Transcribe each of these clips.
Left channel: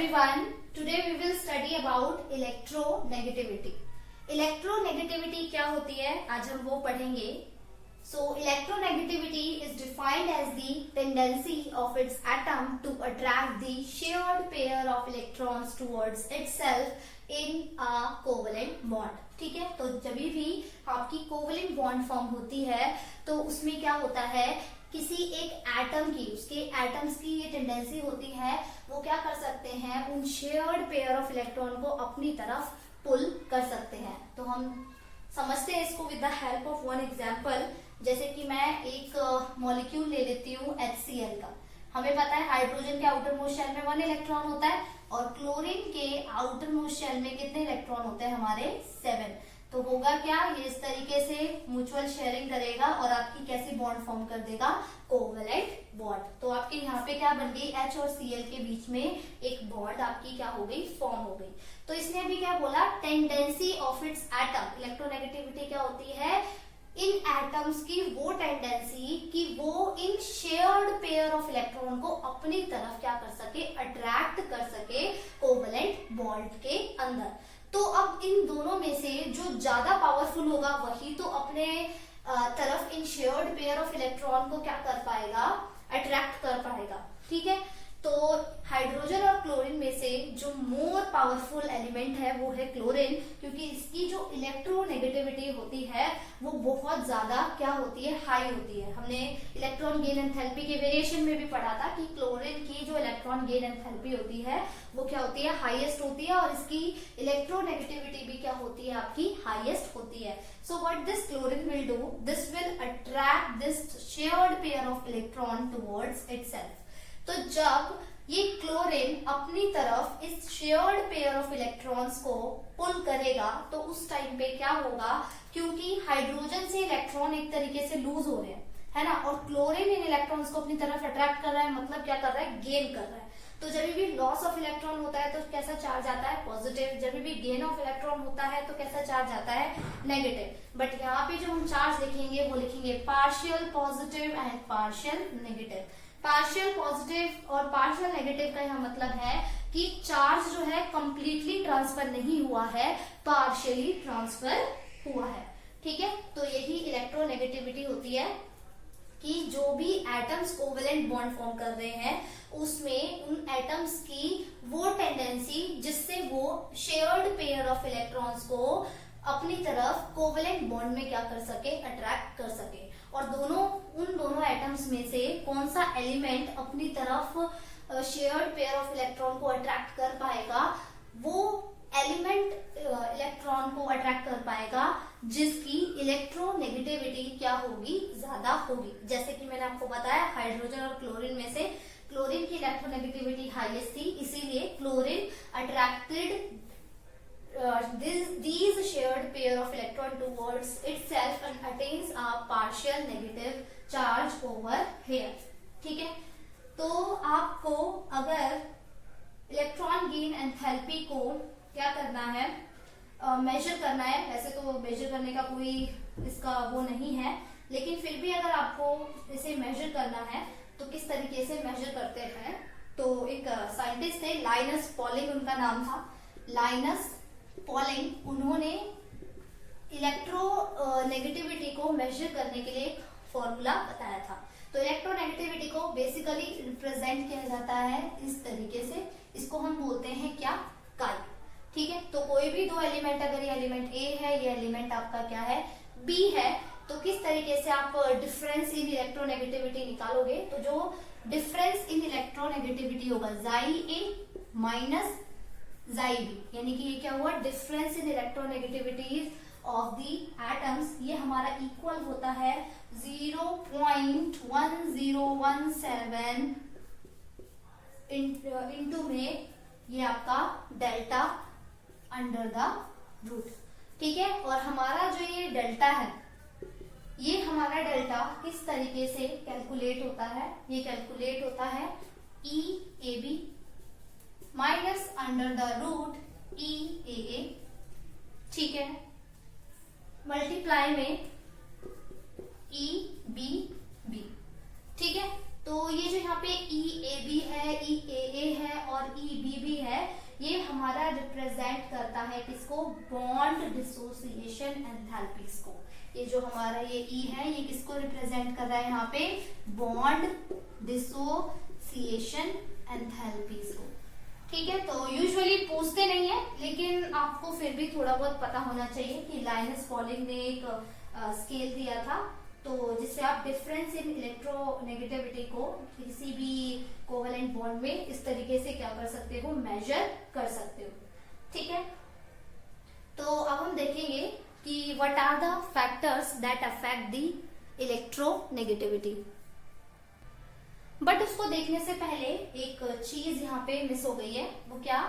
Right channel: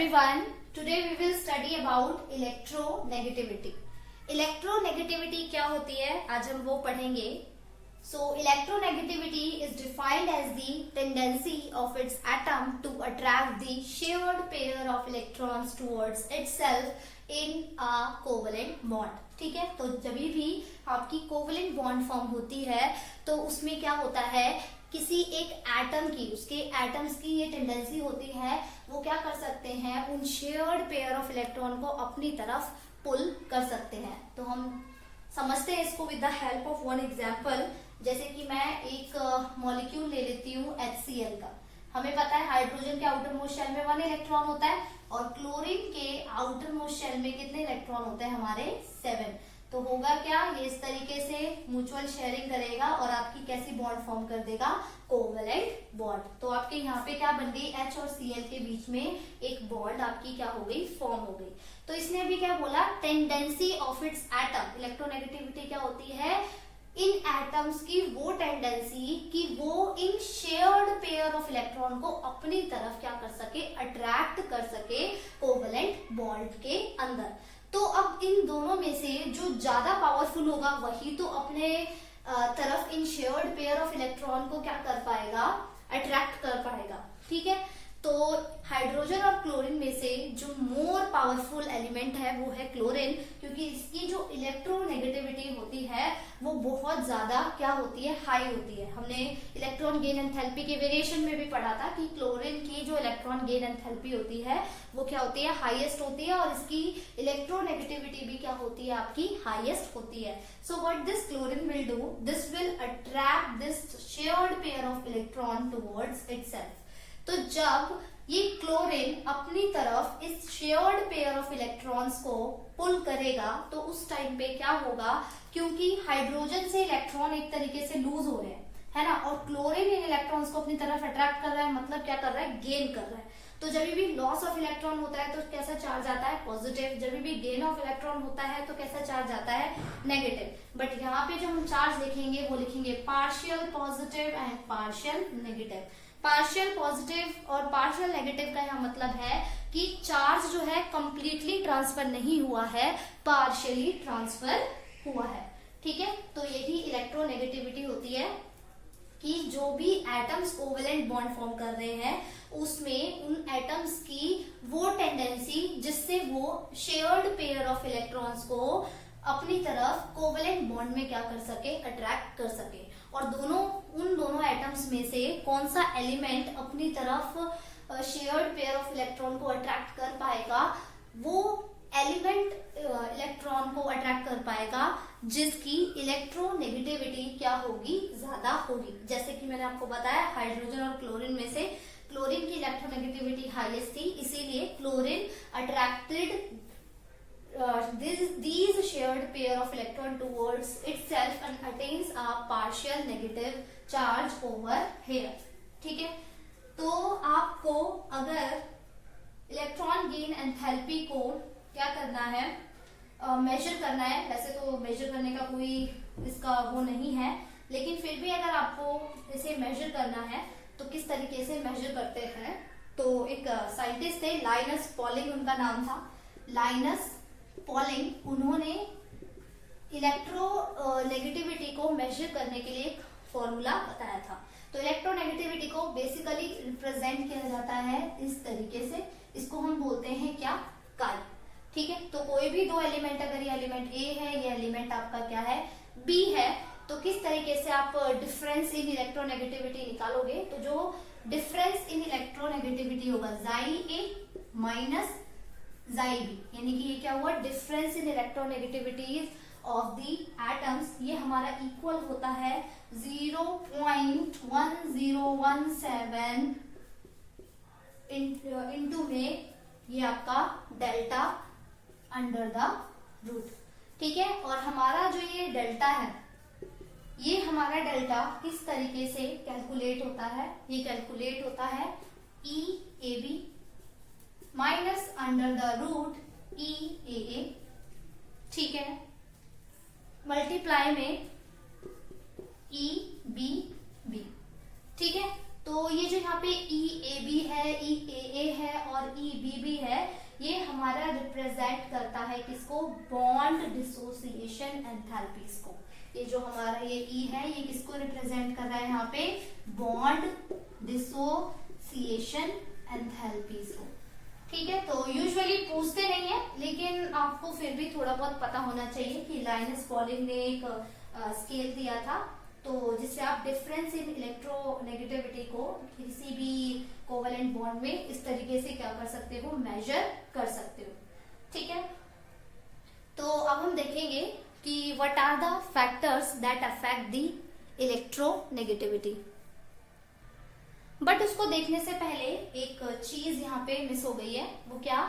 everyone. Today we will study about electronegativity. Electronegativity क्या होती है आज हम वो पढ़ेंगे. So electronegativity is defined as the tendency of its atom to attract the shared pair of electrons towards itself in a covalent bond. ठीक है, तो जब भी आपकी कोवलेंट बॉन्ड फॉर्म होती है तो उसमें क्या होता है, किसी एक एटम की, उसके एटम्स की ये टेंडेंसी होती है, वो क्या कर सकते हैं, उन शेयर्ड पेयर ऑफ इलेक्ट्रॉन को अपनी तरफ पुल कर सकते हैं. तो हम समझते हैं इसको with the help of one example. जैसे कि मैं एक मॉलिक्यूल ले लेती हूँ HCl का. हमें पता है हाइड्रोजन के आउटर मोस्ट शेल में 1 इलेक्ट्रॉन होता है और क्लोरीन के आउटर मोस्ट शेल में कितने इलेक्ट्रॉन होते हैं हमारे 7. तो होगा क्या, ये इस तरीके से म्यूचुअल शेयरिंग करेगा और आपकी कैसी बॉन्ड फॉर्म कर देगा, कोवलेंट बॉन्ड. तो आपके यहाँ पे क्या बन गई, H और Cl के बीच में एक बॉन्ड आपकी क्या हो गई, फॉर्म हो गई. तो इसने अभी क्या बोला, tendency of its atom. Electronegativity क्या होती है, इन एटम्स की वो टेंडेंसी कि वो इन शेयर्ड पेयर ऑफ इलेक्ट्रॉन को अपनी तरफ क्या कर सके, अट्रैक्ट कर सके कोवलेंट बॉन्ड के अंदर. तो अब इन दोनों में से जो ज्यादा पावरफुल होगा वही तो अपने तरफ इन शेयर्ड पेयर ऑफ इलेक्ट्रॉन को क्या कर पाएगा, अट्रैक्ट कर पाएगा. ठीक है, तो हाइड्रोजन और क्लोरीन में से जो मोर पावरफुल एलिमेंट है वो है क्लोरीन, क्योंकि इसकी जो इलेक्ट्रोनेगेटिविटी होती है वो बहुत ज्यादा क्या होती है, हाई होती है. हमने इलेक्ट्रॉन गेन एंथैल्पी के वेरिएशन में भी पढ़ा था कि क्लोरीन की जो इलेक्ट्रॉन गेन एंथैल्पी होती है वो क्या होती है, हाईएस्ट होती है, और इसकी इलेक्ट्रोनेगेटिविटी भी क्या होती है, आपकी हाईएस्ट होती है. So what this chlorine will do, this will attract this shared pair of electron towards itself. तो जब ये क्लोरीन अपनी तरफ इस शेयर्ड पेयर ऑफ इलेक्ट्रॉन्स को पुल करेगा तो उस टाइम पे क्या होगा, क्योंकि हाइड्रोजन से इलेक्ट्रॉन एक तरीके से लूज हो रहे हैं, है ना, और क्लोरीन इन इलेक्ट्रॉन्स को अपनी तरफ अट्रैक्ट कर रहा है, मतलब क्या कर रहा है, गेन कर रहा है. तो जब भी लॉस ऑफ इलेक्ट्रॉन होता है तो कैसा चार्ज आता है, पॉजिटिव. जब भी गेन ऑफ इलेक्ट्रॉन होता है तो कैसा चार्ज आता है, नेगेटिव. बट यहाँ पे जो हम चार्ज लिखेंगे वो लिखेंगे partial positive and partial negative. Partial positive और पार्शियल नेगेटिव का यहाँ मतलब है कि चार्ज जो है कंप्लीटली ट्रांसफर नहीं हुआ है, पार्शियली ट्रांसफर हुआ है. ठीक है, तो यही इलेक्ट्रोनेगेटिविटी होती है कि जो भी एटम्स कोवेलेंट बॉन्ड फॉर्म कर रहे हैं उसमें उन एटम्स की वो टेंडेंसी जिससे वो शेयर्ड पेयर ऑफ इलेक्ट्रॉन्स को अपनी तरफ कोवेलेंट बॉन्ड में क्या कर सके, अट्रैक्ट कर सके. और उन दोनों एटम्स में से कौन सा एलिमेंट अपनी तरफ शेयर्ड पेयर ऑफ इलेक्ट्रॉन को अट्रैक्ट कर पाएगा, वो एलिमेंट इलेक्ट्रॉन को अट्रैक्ट कर पाएगा जिसकी इलेक्ट्रोनेगेटिविटी क्या होगी, ज्यादा होगी. जैसे कि मैंने आपको बताया हाइड्रोजन और क्लोरीन में से क्लोरीन की इलेक्ट्रोनेगेटिविटी हाईएस्ट थी, इसीलिए chlorine attracted these shared pair of electron towards itself and attains a partial negative charge over here. ठीक है, तो आपको अगर इलेक्ट्रॉन गेन एंथैल्पी को क्या करना है, मेजर करना है. वैसे तो मेजर करने का कोई इसका वो नहीं है, लेकिन फिर भी अगर आपको इसे मेजर करना है तो किस तरीके से मेजर करते हैं. तो एक साइंटिस्ट थे, लाइनस पॉलिंग उनका नाम था. लाइनस पॉलिंग, उन्होंने इलेक्ट्रोनेगेटिविटी को मेजर करने के लिए एक फॉर्मूला बताया था. तो इलेक्ट्रोनेगेटिविटी को बेसिकली रिप्रेजेंट किया जाता है इस तरीके से. इसको हम बोलते हैं क्या, काई. ठीक है, तो कोई भी दो एलिमेंट, अगर ये एलिमेंट ए है, ये एलिमेंट आपका क्या है, बी है, तो किस तरीके से आप डिफरेंस इन इलेक्ट्रोनेगेटिविटी निकालोगे. तो जो डिफरेंस इन इलेक्ट्रोनेगेटिविटी होगा, जाई ए माइनस जाई बी, यानी कि ये क्या हुआ, difference in electronegativities of the atoms, ये हमारा इक्वल होता है 0.1017 इंटू में ये आपका डेल्टा अंडर द रूट. ठीक है, और हमारा जो ये डेल्टा है, ये हमारा डेल्टा किस तरीके से कैलकुलेट होता है, ये कैलकुलेट होता है e a b minus under the root e a a. ठीक है, मल्टीप्लाई में ई बी बी. ठीक है, तो ये जो यहाँ पे ई ए बी है, ई ए ए है और ई बी बी है, ये हमारा रिप्रेजेंट करता है किसको, बॉन्ड डिसोसिएशन एंथैल्पीज को। ये जो हमारा ये ई है ये किसको रिप्रेजेंट कर रहा है यहाँ पे, बॉन्ड डिसोसिएशन एंथैल्पीज को। ठीक है, तो यूजुअली पूछते नहीं है, लेकिन आपको फिर भी थोड़ा बहुत पता होना चाहिए कि लाइनस पॉलिंग ने एक स्केल दिया था, तो जिससे आप डिफरेंस इन इलेक्ट्रोनेगेटिविटी को किसी भी कोवेलेंट बॉन्ड में इस तरीके से क्या कर सकते हो, मेजर कर सकते हो। ठीक है, तो अब हम देखेंगे कि what are the factors that affect the electronegativity. But उसको देखने से पहले एक चीज यहाँ पे मिस हो गई है, वो क्या,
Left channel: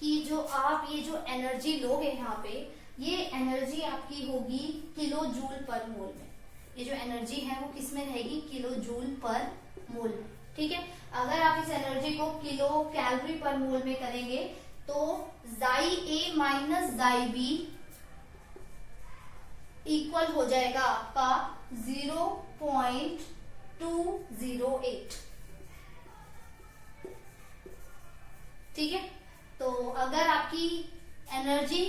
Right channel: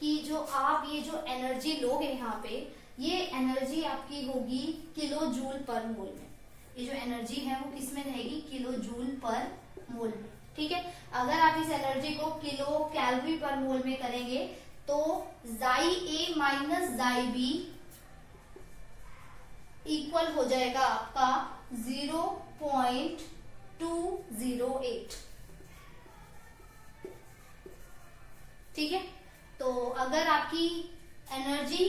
कि जो आप ये जो एनर्जी लोगे यहाँ पे, ये एनर्जी आपकी होगी किलो जूल पर मोल में। ये जो एनर्जी है वो किस में रहेगी, किलो जूल पर मोल में। ठीक है, अगर आप इस एनर्जी को किलो कैलोरी पर मोल में करेंगे तो जाई ए माइनस जाई बी इक्वल हो जाएगा आपका 0.208। ठीक है, तो अगर आपकी एनर्जी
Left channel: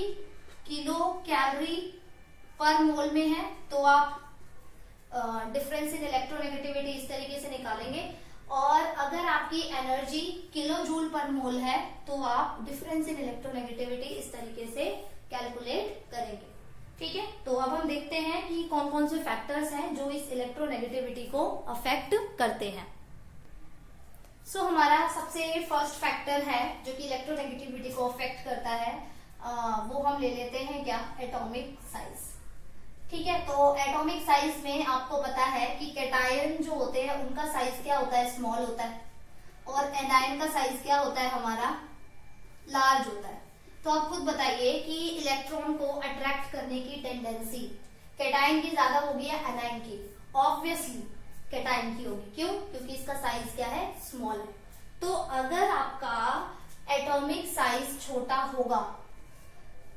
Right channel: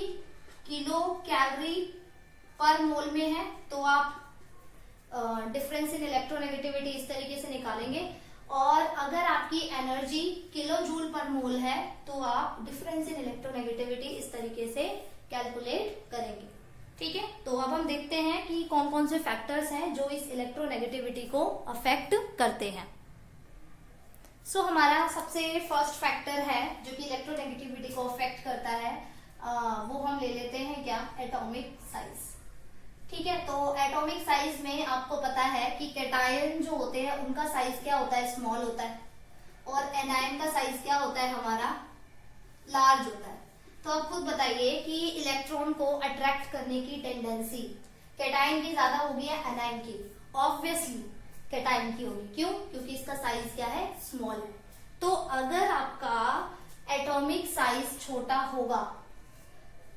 किलो कैलोरी पर मोल में है तो आप डिफरेंस इन इलेक्ट्रोनेगेटिविटी इस तरीके से निकालेंगे, और अगर आपकी एनर्जी किलो जूल पर मोल है तो आप डिफरेंस इन इलेक्ट्रोनेगेटिविटी इस तरीके से कैलकुलेट करेंगे। ठीक है, तो अब हम देखते हैं कि कौन कौन से फैक्टर्स हैं जो इस इलेक्ट्रोनेगेटिविटी को अफेक्ट करते हैं। सो हमारा सबसे फर्स्ट फैक्टर है जो कि इलेक्ट्रोनेगेटिविटी को अफेक्ट करता है, वो हम ले लेते हैं क्या, एटॉमिक साइज। ठीक है, तो एटॉमिक साइज में आपको पता है कि कैटायन जो होते हैं उनका साइज क्या होता है, स्मॉल होता है, और एनायन का साइज क्या होता है हमारा, लार्ज होता है। तो आप खुद बताइए कि इलेक्ट्रॉन को अट्रैक्ट करने की टेंडेंसी कैटायन की ज्यादा होगी या एनायन की, ऑब्वियसली कैटायन की होगी। क्यों, क्योंकि इसका साइज क्या है, स्मॉल है। तो अगर आपका एटॉमिक साइज छोटा होगा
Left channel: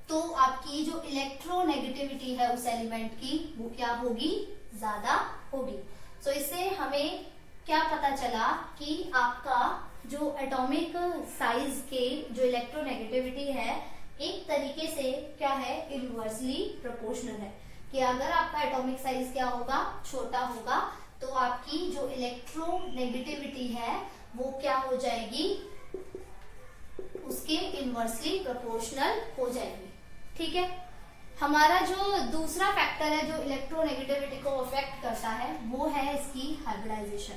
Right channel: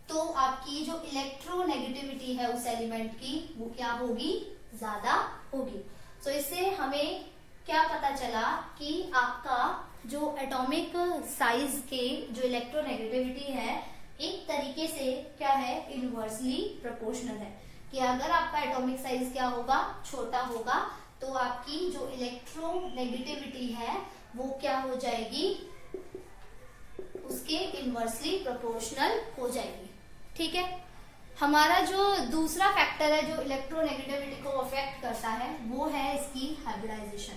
तो आपकी जो इलेक्ट्रोनेगेटिविटी है उस एलिमेंट की वो क्या होगी, ज्यादा होगी। सो इससे हमें क्या पता चला कि आपका जो एटॉमिक साइज के जो इलेक्ट्रोनेगेटिविटी है एक तरीके से क्या है, इनवर्सली प्रोपोर्शनल है, कि अगर आपका एटॉमिक साइज क्या होगा, छोटा होगा, तो आपकी जो इलेक्ट्रोनेगेटिविटी है वो क्या हो जाएगी, उसके इनवर्सली प्रोपोर्शनल हो जाएगी। ठीक है, हमारा जो दूसरा फैक्टर है जो इलेक्ट्रोनेगेटिविटी को अफेक्ट करता है वो है इसकी हाइब्रिडाइजेशन।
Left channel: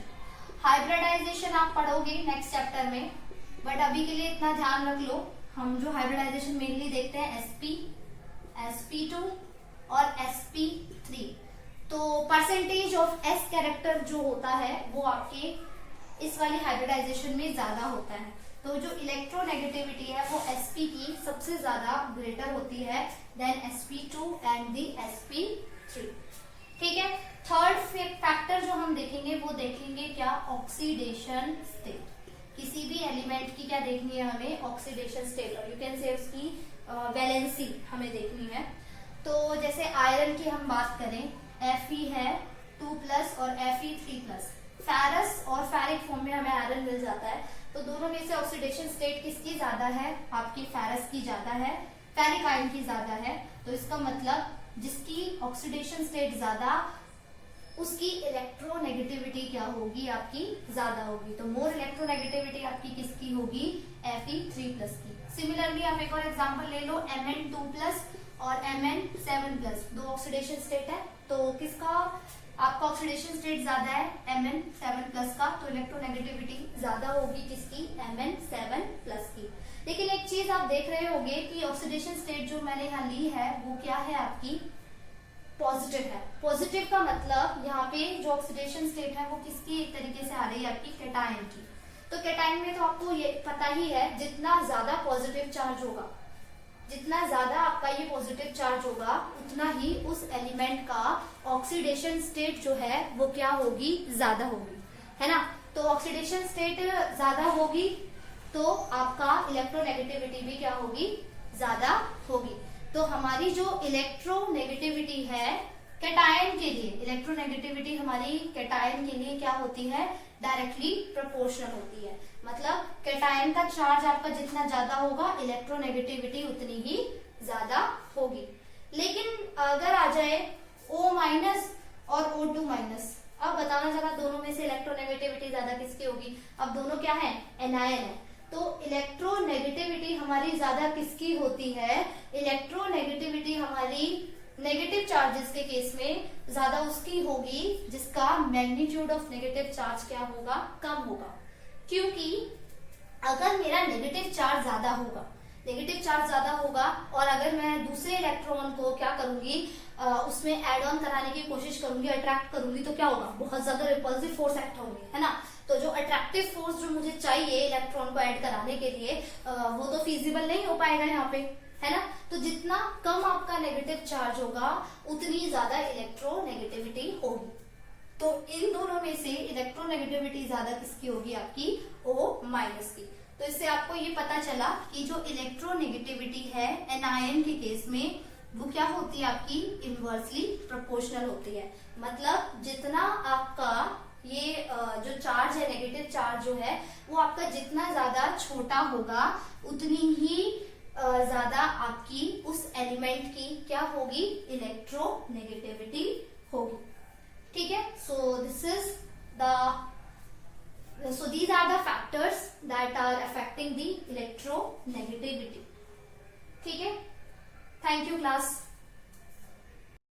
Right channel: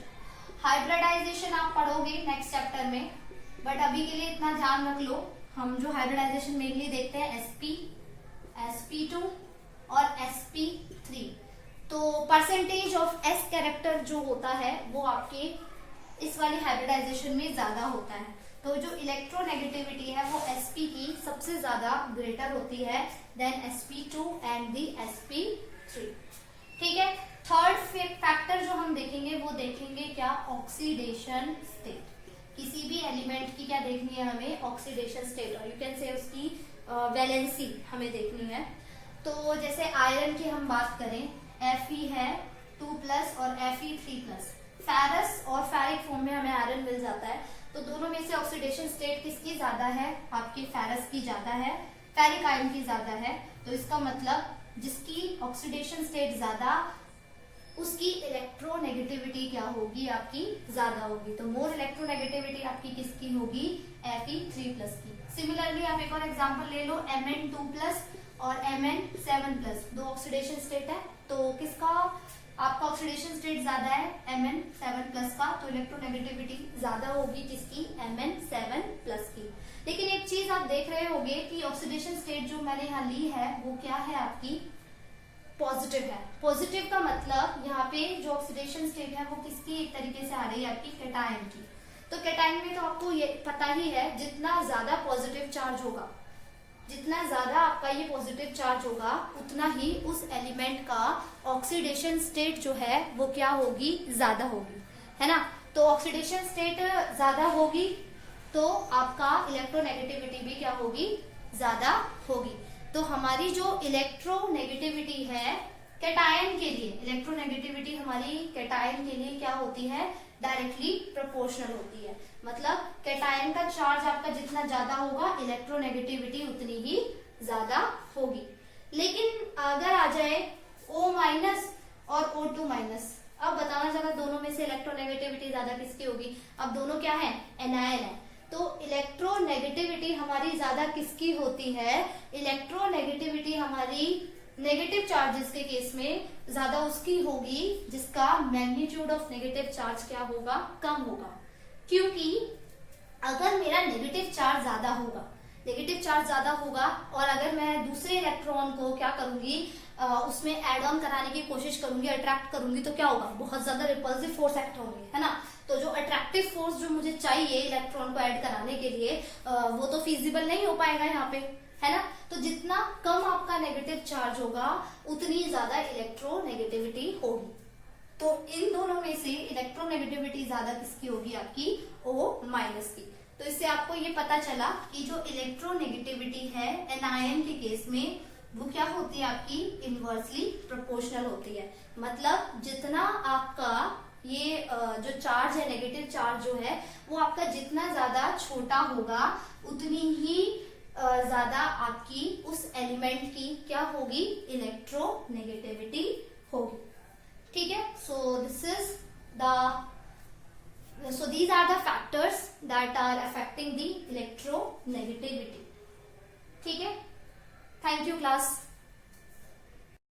हाइब्रिडाइजेशन आप पढ़ोगे नेक्स्ट चैप्टर में, बट अभी के लिए इतना ध्यान रख लो, हम जो हाइब्रिडाइजेशन मेनली देखते हैं sp, sp2 और sp3। तो परसेंटेज ऑफ s कैरेक्टर जो होता है वो आपके इस वाली हाइब्रिडाइजेशन में ज्यादा होता है। तो जो इलेक्ट्रोनेगेटिविटी है वो sp की सबसे ज्यादा ग्रेटर होती है then sp2 and the sp3। ठीक है, थर्ड फैक्टर जो हम देखेंगे वो देखेंगे क्या, ऑक्सीडेशन स्टेट। किसी भी एलिमेंट की क्या देखनी है हमें, ऑक्सीडेशन स्टेट, और यू कैन से उसकी वैलेंसी हमें देखनी है। तो जैसे आयरन की हम बात करें, Fe है 2+ और Fe3+, फेरस और फेरिक फॉर्म में हमें आयरन मिल जाता है, तो दोनों में से ऑक्सीडेशन स्टेट किसकी ज्यादा है, आपकी फेरस की ज्यादा है, फेरिक आयन की ज्यादा है। तो इसका मतलब जिसकी ऑक्सीडेशन स्टेट ज्यादा उसकी इलेक्ट्रोनेगेटिविटी क्या होगी, आपकी ज्यादा होगी। तो मोर इलेक्ट्रोनेगेटिविटी आपकी किसकी होगी, Fe3+ की। सिमिलरली आप एक और एग्जांपल ले लो, Mn2+ और Mn7+, दो ऑक्सीडेशन स्टेट है, तो किसका आपका ऑक्सीडेशन स्टेट ज्यादा है, Mn7+ का, तो इलेक्ट्रोनेगेटिविटी ज्यादा होगी किसकी, Mn7+ की। लेकिन एक चीज आप देख रहे होंगे कि ऑक्सीडेशन स्टेट जो मैंने यहाँ ली है वो क्या है, आपकी पॉजिटिव है। पॉजिटिव का मतलब यहाँ पे जो ऑक्सीडेशन स्टेट है वो किसकी एक तरीके से आ रही है, आपकी कैटायन की। तो कैटायन में तो आपको ये पता ही है, जितना ज्यादा पॉजिटिव चार्ज होगा, जितना ज्यादा आपका ये पॉजिटिव चार्ज होगा, उतना ही उस एलिमेंट का ऑक्सीडेशन स्टेट जो है वो क्या होगी, ज्यादा होगी, है ना। तो ऑक्सीडेशन स्टेट ज्यादा होगी तो आपका इलेक्ट्रोनेगेटिविटी भी क्या होगी, ज्यादा होगी। तो हमारी जो इलेक्ट्रोनेगेटिविटी है कैटायन के लिए, इलेक्ट्रोनेगेटिविटी हमारी कैटायन के लिए क्या होती है, डायरेक्टली प्रोपोर्शनल होती है। मतलब कैटायन का चार्ज आपका जितना ज्यादा होगा इलेक्ट्रोनेगेटिविटी उतनी ही ज्यादा होगी। लेकिन अगर आ जाए O माइनस और O2 माइनस, अब बताना जरा दोनों में से इलेक्ट्रोनेगेटिविटी ज्यादा किसकी होगी। अब दोनों क्या है, एनायन है, तो इलेक्ट्रोनेगेटिविटी हमारी ज्यादा किसकी होती है, इलेक्ट्रोनेगेटिविटी हमारी नेगेटिव चार्जेस के केस में ज्यादा उसकी होगी जिसका मैग्नीट्यूड ऑफ नेगेटिव चार्ज क्या होगा, कम होगा। क्योंकि अगर मेरा नेगेटिव चार्ज ज्यादा होगा, नेगेटिव चार्ज ज्यादा होगा और अगर मैं दूसरे इलेक्ट्रॉन को क्या करूंगी, उसमें एड ऑन कराने की कोशिश करूंगी, अट्रैक्ट करूंगी, तो क्या होगा, बहुत ज्यादा रिपल्सिव फोर्स एक्ट होंगे, है ना। तो जो अट्रैक्टिव फोर्स जो मुझे चाहिए इलेक्ट्रॉन को ऐड कराने के लिए, वो तो फिजिबल नहीं हो पाएगा यहाँ पे, है ना। तो जितना कम आपका नेगेटिव चार्ज होगा उतनी ज्यादा इलेक्ट्रोनेगेटिविटी होगी। तो इन दोनों में से इलेक्ट्रोनेगेटिविटी ज्यादा किसकी होगी, आपकी O माइनस की। तो इससे आपको ये पता चला कि जो इलेक्ट्रोनेगेटिविटी है एनायन के केस में वो क्या होती है, आपकी इनवर्सली प्रोपोर्शनल होती है। मतलब जितना आपका ये जो चार्ज है, नेगेटिव चार्ज जो है वो आपका जितना ज्यादा छोटा होगा उतनी ही ज्यादा आपकी उस एलिमेंट की क्या होगी, इलेक्ट्रोनेगेटिविटी होगी। ठीक है, so these are the factors that are affecting the electronegativity. ठीक है, थैंक यू क्लास।